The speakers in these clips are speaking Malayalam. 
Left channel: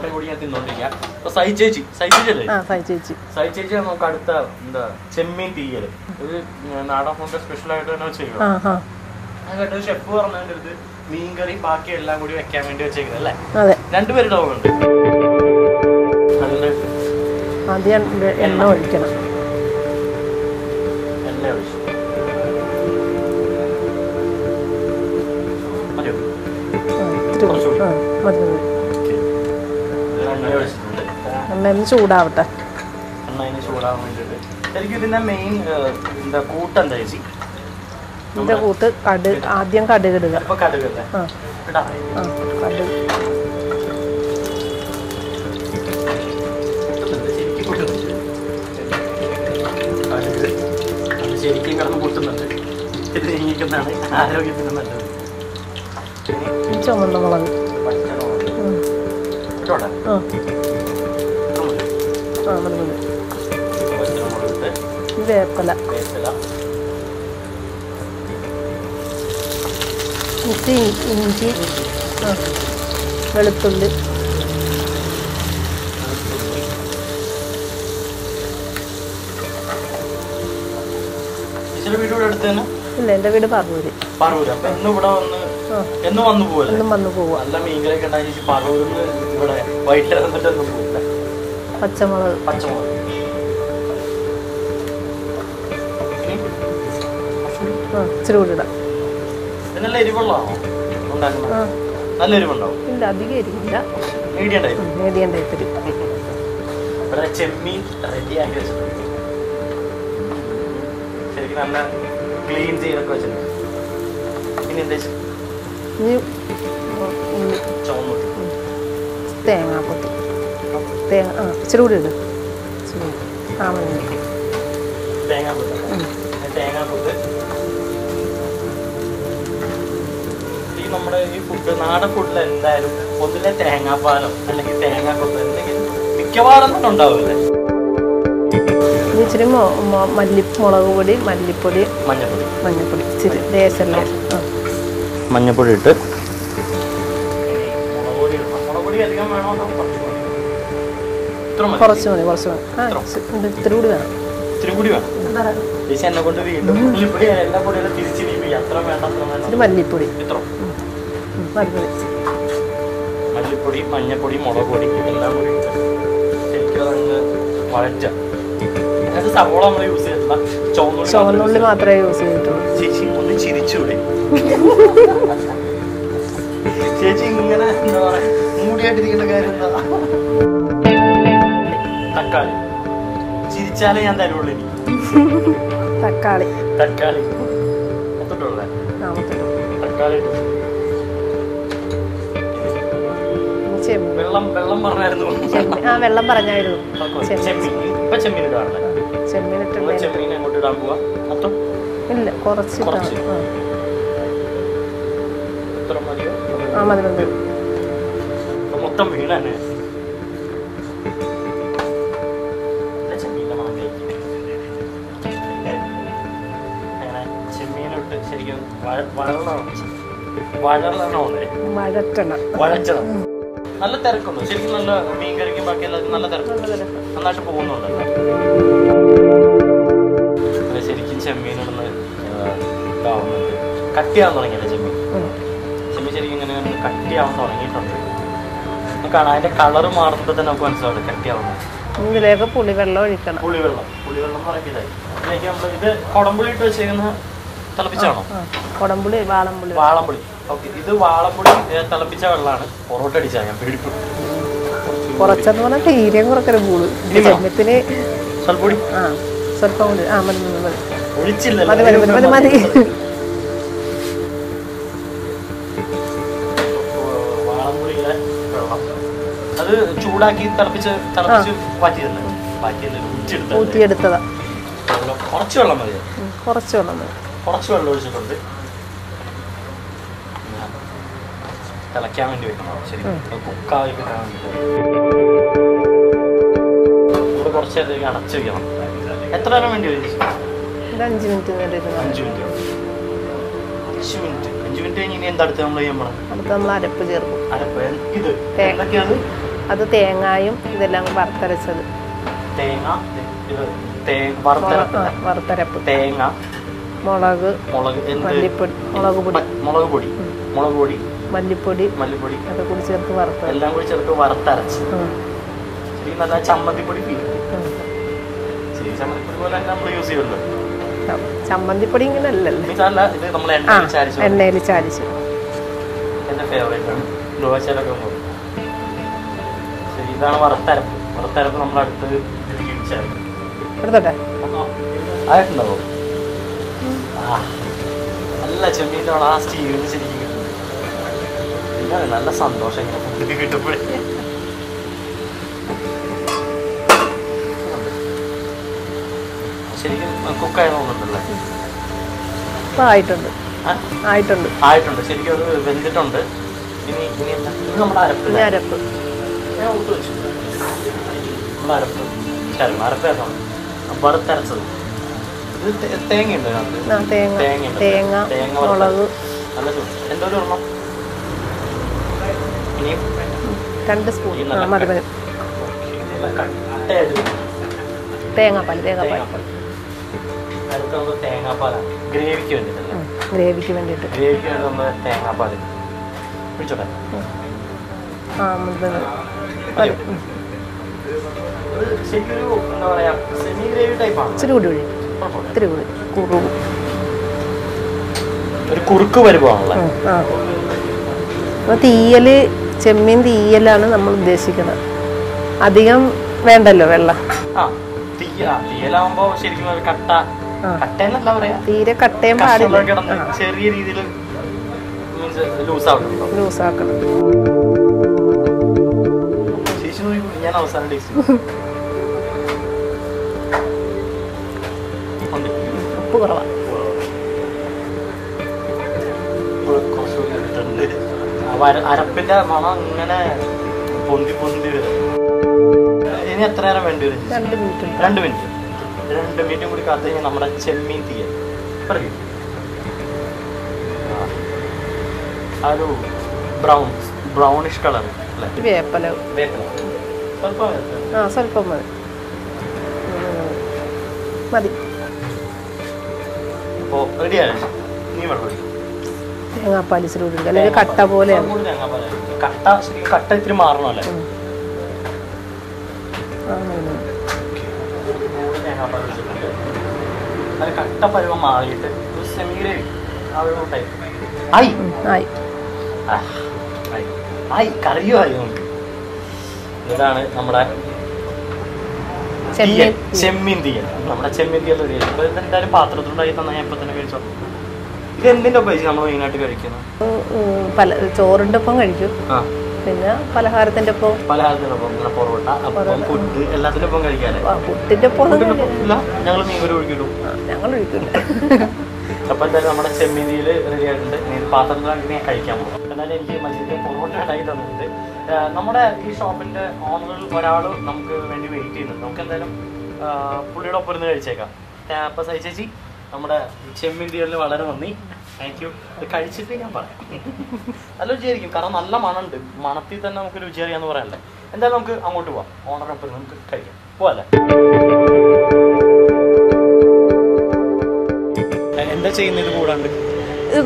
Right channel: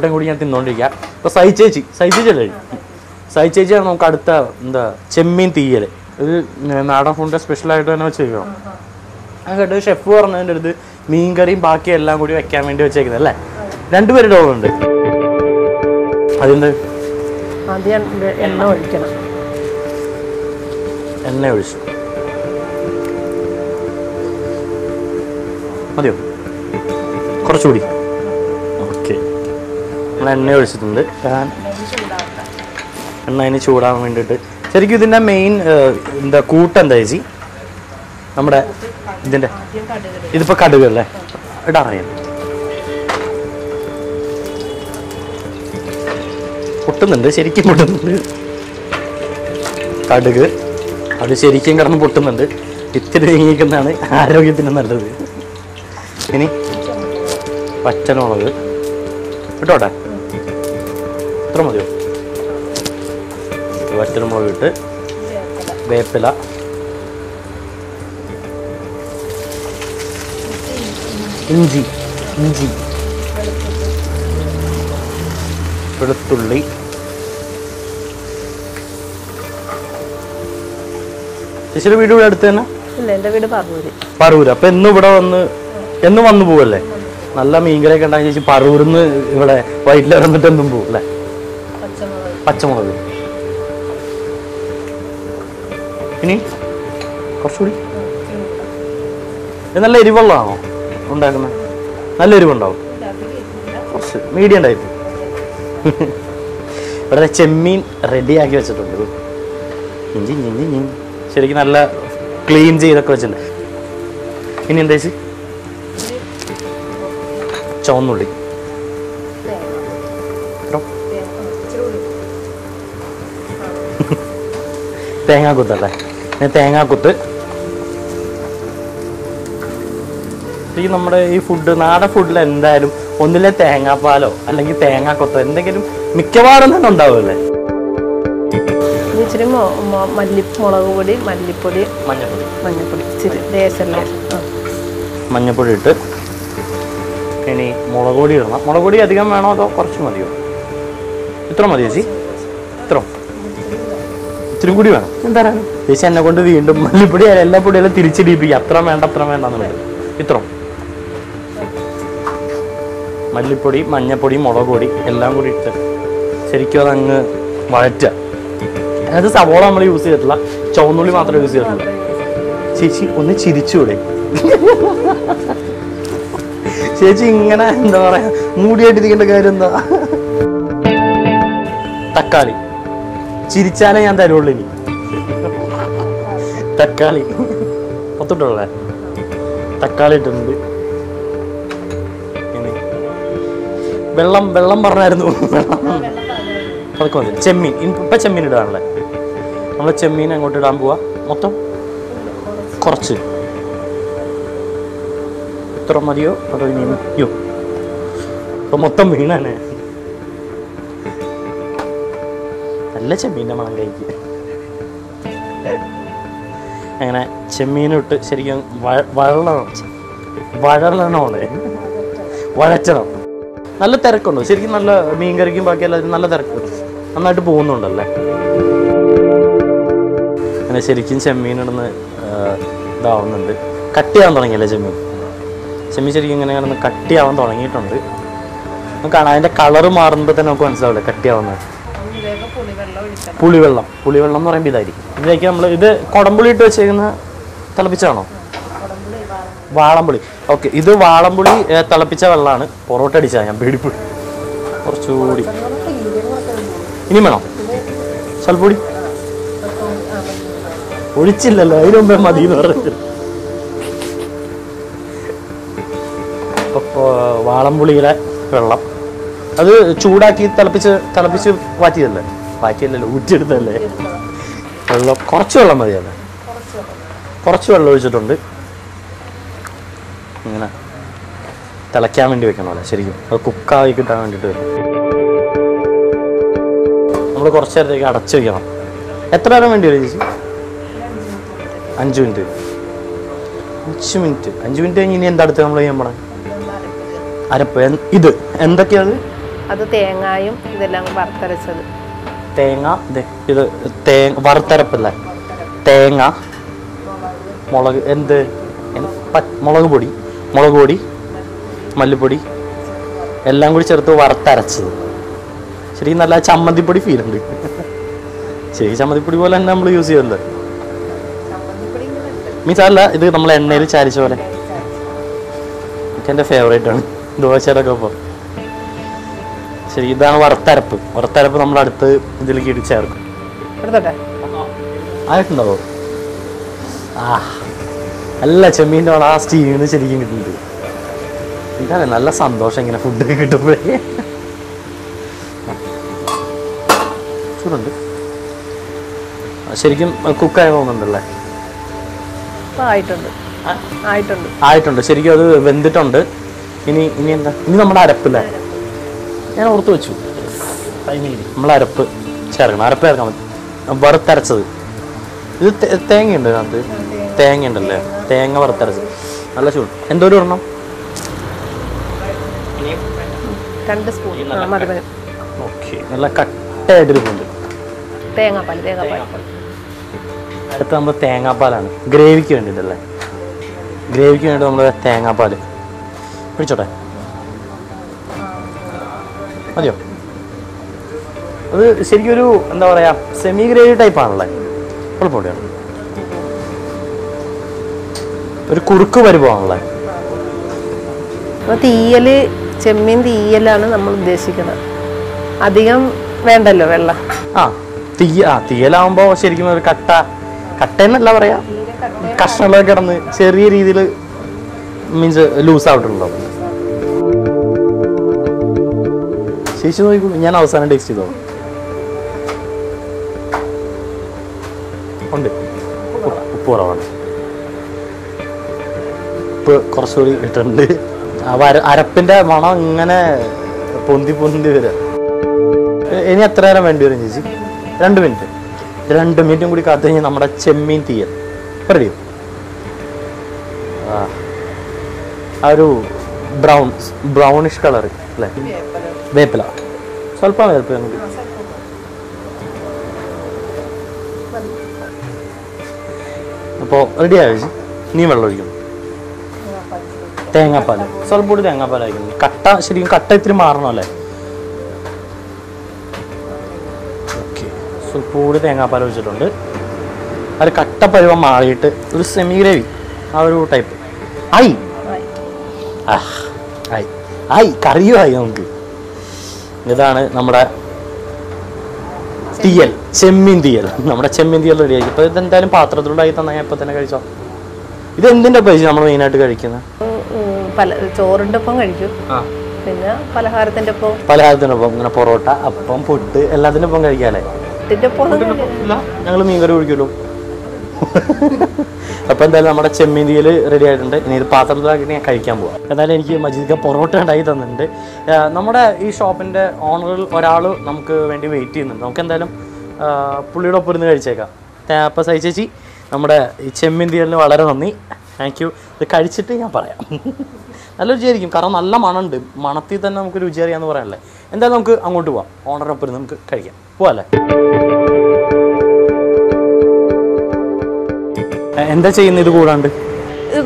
പൊറോട്ടയും കൂടി ഞാൻ തിന്നോണ്ടിരിക്കാം. അപ്പൊ സൈ ചേച്ചി അല്ലേ? സൈ ചേച്ചിയാണ് നമുക്ക് അടുത്ത എന്താ ചെമ്മീൻ തീയല്. ഇത് നാടൻ ഫുഡിന്റെ സ്പെഷ്യൽ ആയിട്ട് തന്നെ ചെയ്യും. അങ്ങോട്ട് ഷെഫ് പറഞ്ഞതിന്റെ അടുത്ത് മീൻകറിയും ബാക്കി എല്ലാം കൂടി വെക്കാൻ വേണ്ടി വെച്ചേക്കുന്നത് അല്ലേ? രണ്ടുപേരുടെ ഓർമ്മയുണ്ട്. അതിന്റെ എണ്ണ ഒഴിക്കണം. എണ്ണ ഒഴിച്ചു മതിയോ? കുറച്ചുകൂടി ഓക്കെ. എണ്ണ ഒഴിച്ചിട്ടുണ്ട്. എണ്ണ അതിന് ചൂടാവാൻ വേണ്ടിയിട്ട്. ശരിക്കും ഇതിന്റെ മെയിൻ എന്താ കൂട്ടെന്താ ചേച്ചി? നമ്മുടെ ഇതിപ്പോ കടുക് അല്ലേ ഇടാറിയ പൊട്ടുന്നുണ്ട്, ശരിക്കും പൊട്ടുന്നുണ്ട് കടുക്. അത് ശരിക്കും കിടന്ന് പൊട്ടുന്നുണ്ട്. ഇത്തിരി നീങ്ങിക്കുന്നതാണ് ആരോഗ്യത്തിന് നല്ലത്. ഇനി പച്ചമുളക് ഇട്ടോട്ടെ, ഇത്ര മതിയോ? പച്ചമുളക് ഇട്ട് വേപ്പില, ഇഞ്ചി, വെളുത്തുള്ളി. ചേച്ചിയുടെ വീട് ഇവിടെ അടുത്ത് തന്നെ? എന്റെ വീട് പറവൂര്. അപ്പൊ എന്നും ഇവിടെ എന്നും വന്നു പോവല്ലേ? നല്ല മീൻകറിയൊക്കെ ഉണ്ടാക്കി ചേച്ചി പറവൂരിന്ന് ഇവിടെ വൈറ്റിൽ വന്നിട്ട് എന്നും പോകും അല്ലേ? പച്ചമുളക് ഇനി കുറച്ചുകൂടി. നല്ല എരിവെള്ളമാണോ ഉണ്ടാക്കുന്നത്? നല്ല എരിവുണ്ടാവും. Medium type. ഇവിടെ ചെമ്മീൻ റെഡിയാക്കി വെച്ചിട്ടുണ്ട്. ശരിക്കും നല്ല ക്ലീൻ ചെയ്തൊക്കെ വെച്ചിട്ടുണ്ട്. ഇനി എന്താ ചേച്ചി? ചുവന്നുള്ളി, തേങ്ങാക്കൊത്തല്ലേ? തേങ്ങാക്കൊത്ത്. നമ്മുടെ ഈ ഫുഡ് നാടൻ ഫുഡിൽ എന്തായാലും ഒന്നിലെ തേങ്ങാപ്പാലോ അല്ലെങ്കിൽ തേങ്ങാക്കൊത്തോ എന്തെങ്കിലും മിക്കവാറും തന്നെ ഉണ്ടാവില്ലേ? ഇച്ചിരി മുളക് പൊടി, മല്ലിപ്പൊടി, മഞ്ഞപ്പൊടി മഞ്ഞപ്പൊടി ഇട്ട് ഇനി മുളക് പൊടി ഇടണം. മുളക് പൊടി അധികം വേണോ അതോ കുറച്ച് മതിയോ? ഇത്ര മതി? ഇത്തിരി കൂടി വേണം. ചേച്ചി എന്നെ കൊണ്ട് വീണ്ടും മല്ലിപ്പൊടി എല്ലാ പൊടികളും തിരിച്ചിടിപ്പിക്കുക. അത്ര വേണ്ട ഇത്ര മല്ലിപ്പൊടി, മഞ്ഞപ്പൊടി, മുളക് പൊടി എല്ലാം കൂടി ഇട്ട് ശരിക്കും അതങ്ങ് വഴറ്റുക. അതായത് സവോള നമ്മൾ യൂസ് ചെയ്തിട്ടില്ല, ചുവന്നുള്ളി മാത്രം യൂസ് ചെയ്തിട്ടില്ല. ചേച്ചി ഒന്ന് ചിരിച്ചൂടെ? ചേച്ചി ഇങ്ങനെ എന്താ പറയാ മൂടിയായിട്ടിരിക്കേണ്ട കാര്യം എന്താ? തക്കാളി ചിരിച്ചാലേ ഞാൻ തരുള്ളൂ. ഇനി തക്കാളി ഒത്തിട്ടുള്ളേ തക്കാളി ഇട്ടുണ്ട്. വെള്ളം പറഞ്ഞായിരുന്നു. ചെമ്മീൻ ഇപ്പൊ ചെമ്മീൻ ഇടാണല്ലേ? നമ്മൾ ചെമ്മീൻ അങ്ങോട്ട് ഇടാൻ പോവാ. മൊത്തം കുറച്ച് ഇത്ര മതിയോ? അപ്പൊ മൊത്തം മീൻ തന്നെ. നല്ല ചെമ്മീൻ്റെ മാങ്ങയ്ക്ക് അങ്ങനെ ചെമ്മീനിട്ട് ശരിക്കും വഴറ്റണം. നല്ല തിരക്കുണ്ടോ ശരിക്കും? നല്ല മീൻകറിക്കും ബാക്കി എല്ലാവരും നല്ല തിരക്കുണ്ട്, നന്നായിട്ട് പോകുന്നുണ്ടല്ലേ? അങ്ങനെ ശരിക്കും ചെമ്മീനിടുന്ന് ഇതാവുന്നുണ്ട്. കട്ടിയാവാൻ തുടങ്ങിയല്ലേ ചെമ്മീൻ? ശരിക്കും ഇങ്ങനെയാണ് കട്ടിയാവാൻ തുടങ്ങിയിട്ടുണ്ട്. കാണാം അതിന്റെ കളറ് മാറുമ്പോൾ തന്നെ നമുക്ക് മനസ്സിലാവില്ല കട്ടിയാവുന്നത്. പുളിവെള്ളം എന്ന് പറയുമ്പോൾ ഇതായിരിക്കും. ഇതിലേക്ക് നമ്മൾ ഇത് കുടംപുളി ഇട്ട് വെച്ചിരിക്കുന്ന തിളപ്പിച്ചാണോ? വാളംപുളി. ഓക്കെ, ഇത് വാളംപുളി തിളപ്പിച്ച വെള്ളമാണ്. പൊറോട്ട അടിച്ചാൽ ഞാൻ പേടിപ്പ്. ഇനി വേണം സ്വൽപ്പൊടി ഒഴിച്ചില്ലല്ലോ. വാളംപുളിയിലെ വെള്ളം അത് ചൂടാക്കി തിളപ്പിച്ച് മാറ്റിയതല്ലേ ഊറ്റിയെടുത്തതല്ലേ? വെള്ളം കുറച്ച് വെള്ളം മതിയല്ലേ? കുറച്ച് വെള്ളം ഒഴിച്ചിട്ടുണ്ട്. ഇങ്ങനെ തിളയ്ക്കാൻ വേണ്ടി വെക്കണം ശരിക്കും. അത് കുക്കായി കിട്ടാൻ വേണ്ടിയിട്ട് വരും. നമ്മൾ കുറച്ച് നേരത്തേക്ക് അടച്ചു വെക്കണം. എത്ര നേരം വേണ്ടി വരും ചേച്ചി? 5 മിനിറ്റ്. 5 മിനിറ്റ് കഴിഞ്ഞ് ഇനി എന്താ അടുത്ത് നമ്മൾ ചെയ്യണം? അരപ്പ്. ഇത് എന്തൊക്കെയാണ്? അത് തേങ്ങായും ഇതെല്ലാം വറുത്തരച്ചത്. തേങ്ങ ഇത് വറുത്തരപ്പല്ല, തേങ്ങ, മുളക്, എന്ത് മുളക് പൊടി, മല്ലിപ്പൊടി എല്ലാം കൂടി ചേർത്ത് വറുത്തരച്ച്. ശരി, നല്ല ചമ്മന്തിപ്പൊടി ഫീൽ ഉണ്ട്. ശരി, ചമ്മന്തിപ്പൊടി പോലെ തന്നെ നമ്മൾ യൂസ് ചെയ്യുന്നത്. മീൻസ് അല്ല, ഇത് നമ്മൾ എണ്ണയിൽ ചാരിച്ചു. എന്റെ ഫേവറേറ്റ് ആണ് ദോശയുടെ ഒക്കെ ഒപ്പം. ശരി, ഇതാണ് വറുത്തരപ്പ്. വറുത്തരപ്പ് നമ്മൾ അടുത്ത് ഇതിലേക്ക് ഇട്ട് ചേർക്കും. ആയിട്ടുണ്ടോ? നല്ല ചെമ്മീൻ്റെ ആ സ്റ്റീവിന്ന് ശരിക്കും കിട്ടുന്നുണ്ട്. ഇതാണ് നല്ല സന്തോഷം ഇങ്ങനെ ഫുഡൊക്കെ കിട്ടുമ്പോഴേ. ശരിക്കും കുക്കായി പോകുന്നുണ്ടല്ലേ? ആയിട്ടുണ്ട്. ശരിക്കും അത് വെന്തിട്ടുണ്ട്. ഇനി എന്താ? ഇനി നമ്മുടെ അരപ്പില്ല. ഞാൻ ഓർത്ത് വെച്ചു. നമ്മൾ അരപ്പ് ചേർക്കണം. അരപ്പ് ചേർക്കാൻ പറ്റും. വറുത്തരച്ചത്. ഇത് തേങ്ങയുണ്ട്. തേങ്ങയുണ്ടല്ലേ? തേങ്ങ വറുത്തരച്ചത് നല്ല ചൂട്. എന്തോരം ഇടണം? 2 സ്പൂൺ. നല്ല കട്ടയായിട്ടിരിക്കുന്നുണ്ട് തേങ്ങാപ്പാൽ. അടുത്ത നമ്മൾ തേങ്ങാപ്പാലാണ്. ഗ്രേവിക്ക് വേണ്ടിട്ടല്ലേ? ഗ്രേവിക്ക് വേണ്ടി നമ്മൾ തേങ്ങാപ്പാൽ പിടിച്ചോട്ടെ. മതിയോ? അത് ശരിക്കും ഒരു എന്താ പറയാ, സെമി ഗ്രേവി ടൈപ്പ് ആണല്ലോ. ഒരു കുറുക്ക് പരിവാണല്ലേ? തീയല്, ചെമ്മീൻ തീയലാണ് നമ്മൾ ഉദ്ദേശിക്കുന്നത്. അധികം വേണ്ടല്ലോ വെള്ളം. തീയലാവുമ്പോ ശരിക്കും ഒരു കട്ടയെന്നല്ല പറയാ, കഷ്ണങ്ങളൊക്കെ കിടന്ന് ചെറിയ രീതിയിൽ മീൻസ് ലൂസ് ആവുന്നുണ്ടോ? ശേഷി നോക്കൂ, ഞാൻ അവസാനം ടേസ്റ്റ് ചെയ്തു. ഉപ്പ് കുറവാണ്. ഉപ്പ് കുറച്ചുകൂടി ഇട്ടിട്ടുണ്ട്. അരപ്പിന്റെ മണം ഇങ്ങനെ പൊന്തി വരും. ഇനി എത്ര നേരം വേണ്ടി വരും ചേച്ചി? 2 മിനിറ്റ്. 2 മിനിറ്റും കൂടി കാത്തു കഴിഞ്ഞാൽ നമ്മുടെ ചെമ്മീൻ തീയൽ പറയും. ആ ഒരു ബ്രൗണിഷ് കളർ അല്ലേ? വേപ്പില സ്വല്പം അപ്പോൾ റെഡി ആയി. നീ വെള്ളം ഒഴിക്കും. തേങ്ങാപ്പാലായിരിക്കും. കട്ട ശരിക്കും കട്ട ഇത്തിരി മാറണല്ലേ? കൂടി തേങ്ങാപ്പാൽ ഒഴിച്ചിട്ടുണ്ട്. അത് കട്ട പരുവം മാറിയിട്ട് ഒരു സെമി ഗ്രേവി ആ ഒരു ടൈപ്പ് കറിയുമായി നമുക്ക്. ഇതാണ് നമ്മുടെ തീയൽ, ചെമ്മീൻ തീയൽ. നമ്മുടെ ചെമ്മീൻ തീയൽ റെഡി ആയി. ഇപ്പൊ ഇതെന്തായാലും പാത്രത്തിലൂടായി തന്നെ ഞാൻ ഇപ്പൊ തന്നെ കഴിച്ചോ. ഇത് എന്തിന്റെ പൈസ നമ്മൾ മെയിനായിട്ട് കഴിക്കുന്നത്? ചോറിന്റെ ഒപ്പം കഴിക്കും, പിന്നെ പലഹാരത്തിന്റെ ഒപ്പം ഇങ്ങനെ പൊറോട്ട, അപ്പം, ഫുഡ് എല്ലാത്തിന്റെ ഒപ്പം കഴിക്കാല്ലേ? ഞങ്ങൾ മീൻകറി കുടിക്കുമല്ലോ. അപ്പൊ എന്തായാലും നമ്മുടെ ചെമ്മീൻ തീയൽ റെഡി ആയിട്ടുണ്ട്. ഇനി ഇത് പാത്രത്തിലാക്കി ഞാൻ കഴിക്കാൻ പോകും. എന്തായാലും എനിക്ക് മജീദ് പൊറോട്ട ഉണ്ടായി തന്നിട്ടുണ്ട്. നമ്മുടെ ഈ ഷോപ്പിന്റെ ഓണറിൽ ഒരാൾ നമുക്ക് വേണ്ടി വെയിറ്റ് ചെയ്യുന്നുണ്ട്. നമുക്ക് എന്തായാലും പുള്ളിയുടെ ഒപ്പം ഇരുന്ന് കഴിച്ചേക്കാം. അപ്പൊ സൈ ചേച്ചി, നമ്മുടെ ഈ ചെമ്മീൻ തീയലിന് വളരെ നന്ദി. Thank you. ഇത് കഴിച്ചിട്ട് ഞാൻ പറയാം. നല്ല രുചിയായിരിക്കും, കാരണം നല്ല മണമുണ്ട്. മണത്തിൽ തന്നെ നമുക്ക് രുചി അറിയാമെന്ന് പറയാനല്ലേ. എന്തായാലും നമുക്ക് അങ്ങോട്ട് പോവാം. ഓണറൊപ്പം ഇരുന്ന് നമുക്ക് കഴിക്കാം. പോവാല്ലേ? എന്താ ചെയ്യുന്നത് ഇത്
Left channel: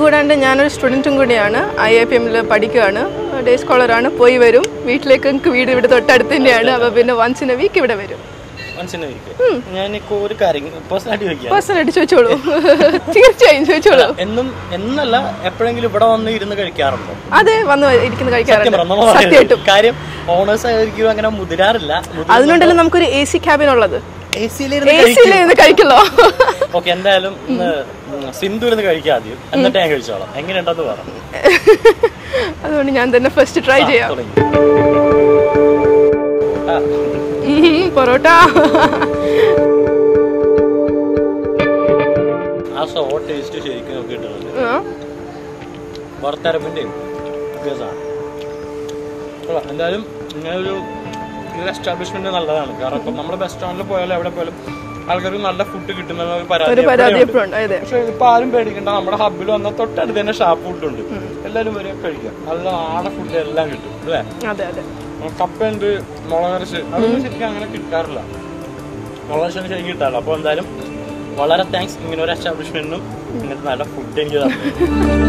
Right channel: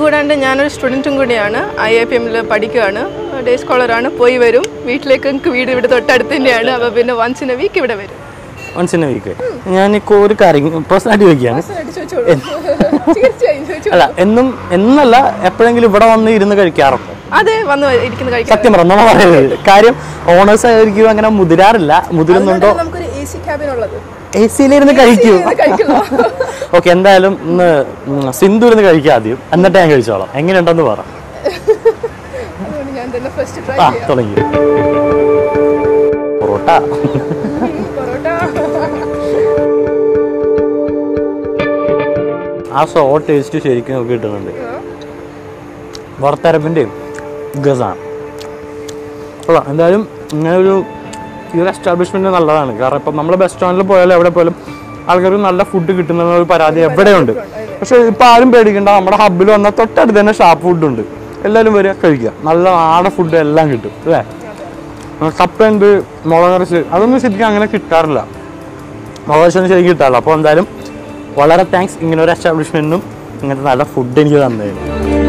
കൂടാണ്ട്? ഞാനൊരു സ്റ്റുഡൻറ്റും കൂടിയാണ്. IIPM പഠിക്കുകയാണ്. ഡേ സ്കോളറാണ്. പോയി വരും. വീട്ടിലേക്ക് എനിക്ക് വീട് ഇവിടെ തൊട്ടടുത്ത് തന്നെയാണ്. അപ്പോൾ പിന്നെ വൺസ് ഇൻ എ വീക്ക് ഇവിടെ വരും. ഞാൻ ഒരു കാര്യം പേഴ്സണലായിട്ട് ചോദിച്ചോളൂ. തീർച്ചയായും ചോദിച്ചോളൂ. എന്നല്ല, എപ്പോഴെങ്കിലും ഇവിടെ വന്ന് ഇരുന്ന് കഴിക്കാറുണ്ടോ? അതെ, വന്ന് ഇരിക്കുന്ന കഴിക്കാറുണ്ട്. കാര്യം ഓണേഴ്സ് ആയിരിക്കും അങ്ങനെ മുതിരാറില്ല. അതുകൊണ്ടാണ് നമുക്കൊരു AC ക്യാബിൻ ഉള്ളത്. AC-ലിരുന്ന് കഴിക്കുന്നു. ഓക്കെ, എന്തായാലും ഇന്ന് സിന്ധു ഇരുന്ന് കഴിക്കാം ആദ്യം, എന്നിട്ട് ഞാൻ കഴിച്ചോളാം. എങ്ങനെയുണ്ടെന്ന് പറ. അതുകൊണ്ട് ഞാൻ തന്നെ ഫസ്റ്റ് ട്രൈ ചെയ്യാം. പൊറോട്ട ആ സോ ടേസ്റ്റ് ശരിക്കും നമുക്ക് കിട്ടുന്നുണ്ട്. വറുത്തരപ്പിന്റെ ഗസാണ്. എന്തായാലും ഇങ്ങനെ ഒരു എസ്റ്റാബ്ലിഷ്മെന്റ് നല്ലതാണ്. കാരണം ഇപ്പം നമ്മൾ ബസ് സ്റ്റാൻഡിൽ പോയാലും എവിടെ പോയാലും ആൾക്കാർക്ക് നല്ല ഫുഡ് കിട്ടുന്ന ഒരു പരാതി എവിടെയുണ്ട്. പക്ഷെ ഇപ്പൊ ആരും പേടിക്കണ്ട, നമ്മുടെ ഹബ്ബിൽ വന്നാൽ തൊട്ടടുത്ത് തന്നെ ഷാപ്പ് ഫുഡ് ഉണ്ട്. എല്ലാവരും വരിക കഴിക്കുക. നല്ല നാടൻ ഫുഡ് എല്ലാം കിട്ടും അല്ലേ? കപ്പ ഉണ്ട്, മുളക് അരച്ച്, അതൊന്നും ശരിക്കും അങ്ങനെ കിട്ടാറില്ല. മുളക് അരച്ചൊന്നും ശരിക്കും കിട്ടാറില്ല. അപ്പോൾ എന്തായാലും വളരെ താങ്ക്സ് ഇങ്ങനെ ഒരു എസ്റ്റാബ്ലിഷ്മെൻറ്റിനും ഇങ്ങനത്തെ നല്ല ഫുഡ് എനിക്ക് തന്നത്.